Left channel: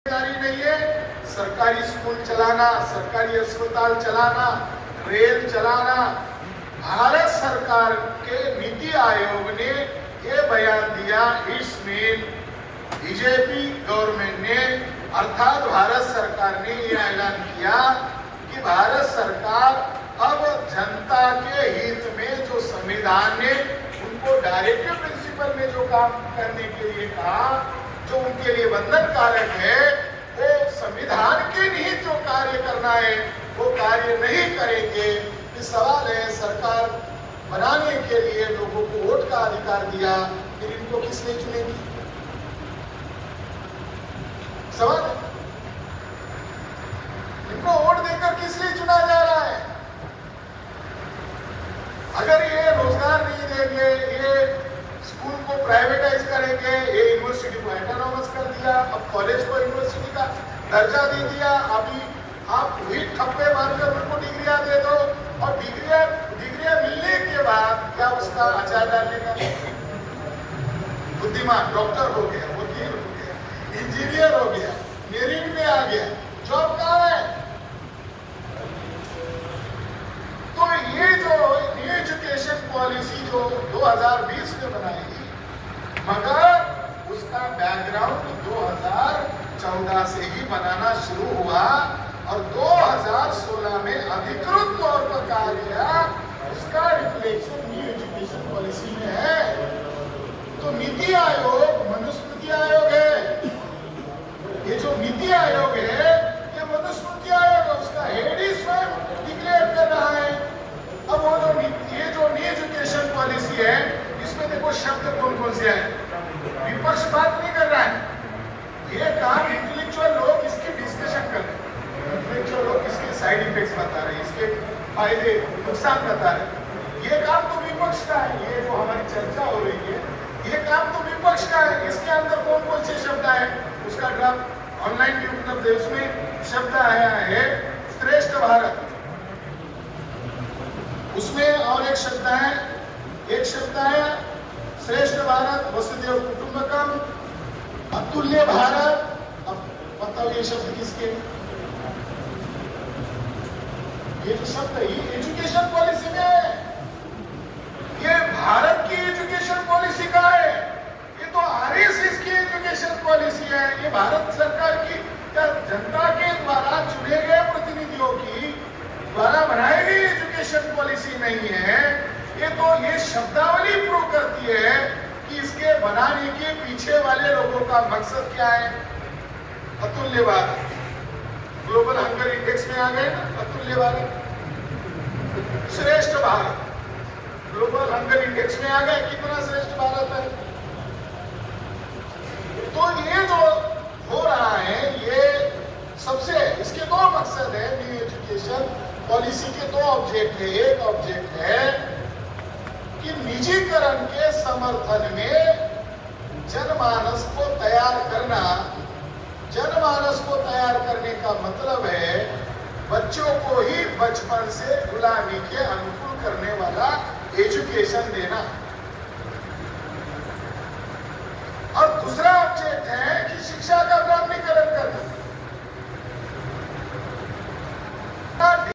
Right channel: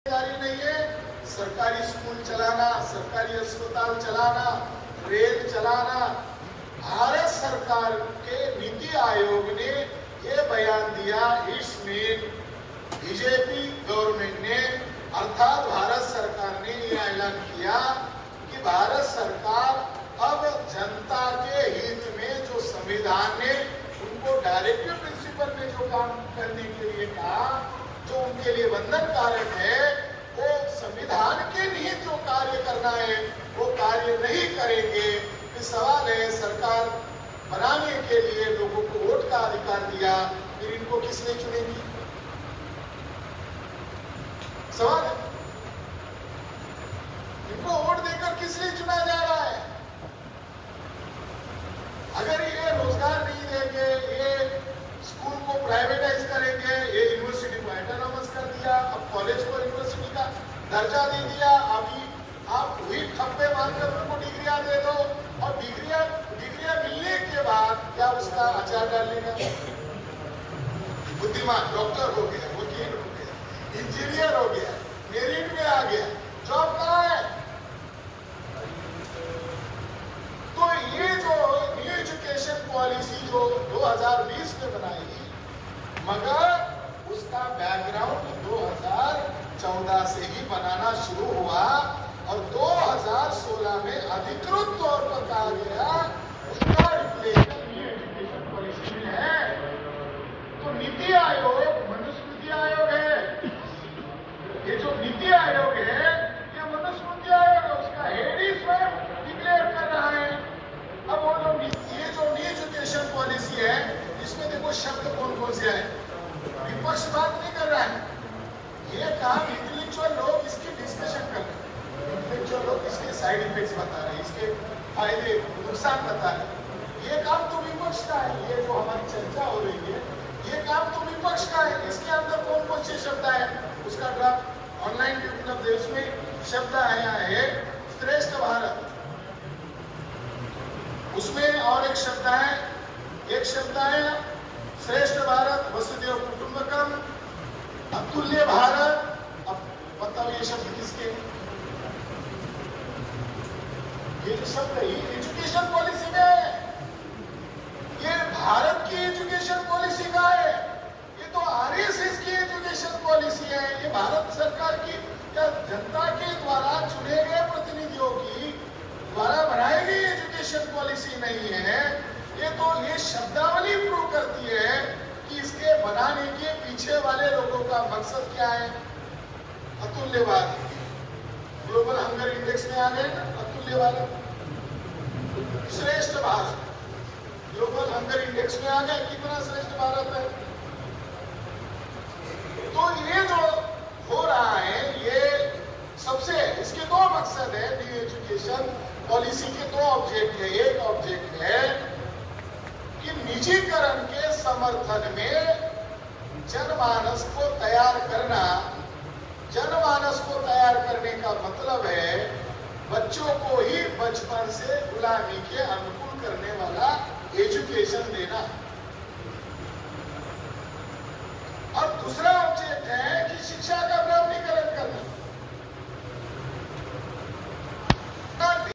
जिम्मेदारी नहीं है सरकारी स्कूल चलाना, सरकारी अस्पताल चलाना, रेल चलाना। भारत सरकार के नीति आयोग ने ये बयान दिया, इसमें बीजेपी गवर्नमेंट ने अर्थात भारत सरकार ने ये ऐलान किया कि भारत सरकार अब जनता के हित में जो संविधान ने उनको डायरेक्टिव प्रिंसिपल में जो काम करने के लिए कहा, जो उनके लिए बंधन कारक है, वो संविधान के निहित जो कार्य करना है वो कार्य नहीं करेंगे। ये सवाल है, सरकार बनाने के लिए लोगों को वोट का अधिकार दिया, फिर इनको किस लिए चुनेगी? सवाल है, इनको वोट देकर किस लिए चुना जा रहा है? अगर ये रोजगार नहीं देंगे, ये स्कूल को प्राइवेटाइज करेंगे, ये यूनिवर्सिटी को ऑटोनॉमस कर दिया, अब कॉलेज को यूनिवर्सिटी का दर्जा दे दिया, अभी आप वही ठप्पे मारकर उनको डिग्रियां दे दो और डिग्रियां मिलने के बाद क्या उसका आचार डालने का? बुद्धिमान डॉक्टर हो गया, वकील हो गया, इंजीनियर हो गया, मेरिट में आ गया, जॉब कहाँ है? तो ये जो एजुकेशन पॉलिसी जो 2020 में बनाई, मगर उसका बैकग्राउंड 2014 से ही बनाना शुरू हुआ और 2016 में अधिकृत तौर पर कहा गया उसका रिप्लेसन न्यू एजुकेशन पॉलिसी में है। तो नीति आयोग मनुस्मृति आयोग है, ये जो नीति आयोग है ये मनुस्मृति आयोग है, उसका हेड ही स्वयं डिक्लेयर कर रहा है। अब वो जो ये जो न्यू एजुकेशन पॉलिसी है, इसमें देखो शब्द कौन कौन से हैं। विपक्ष बात नहीं कर रहा है, ये काम इंटेलेक्चुअल लोग इसकी डिस्कशन कर रहे हैं, इंटेलेक्चुअल लोग इसके साइड इफेक्ट्स बता रहे हैं, इसके फायदे नुकसान बता रहे हैं। ये काम तो विपक्ष का है, ये जो हमारी चर्चा हो रही है ये काम तो विपक्ष का है। इसके अंदर कौन कौन से शब्द है, उसका ड्राफ्ट ऑनलाइन भी उपलब्ध है, उसमें शब्द आया है श्रेष्ठ भारत, उसमें और एक शब्द है श्रेष्ठ भारत, वसुधैव कुटुंबकम, अतुल्य भारत। अब बताओ ये शब्द किसके? ये जो शब्द है ये एजुकेशन पॉलिसी में है, ये भारत की एजुकेशन पॉलिसी का है, ये तो आरएसएस की एजुकेशन पॉलिसी है, ये भारत सरकार की या जनता के द्वारा चुने गए प्रतिनिधियों की द्वारा बनाई गई एजुकेशन पॉलिसी नहीं है। ये शब्दावली प्रूव करती है कि इसके बनाने के पीछे वाले लोगों का मकसद क्या है। अतुल्य भारत, ग्लोबल हंगर इंडेक्स में आ गए ना, अतुल्य भारत, श्रेष्ठ भारत, ग्लोबल हंगर इंडेक्स में आ गए, कितना श्रेष्ठ भारत है। तो ये जो हो रहा है, ये सबसे इसके दो मकसद है। न्यू एजुकेशन पॉलिसी के दो ऑब्जेक्ट है। एक ऑब्जेक्ट है कि निजीकरण के समर्थन में जनमानस को तैयार करना। जनमानस को तैयार करने का मतलब है बच्चों को ही बचपन से गुलामी के अनुकूल करने वाला एजुकेशन देना। और दूसरा ऑब्जेक्ट है कि शिक्षा का ब्राह्मणीकरण करना।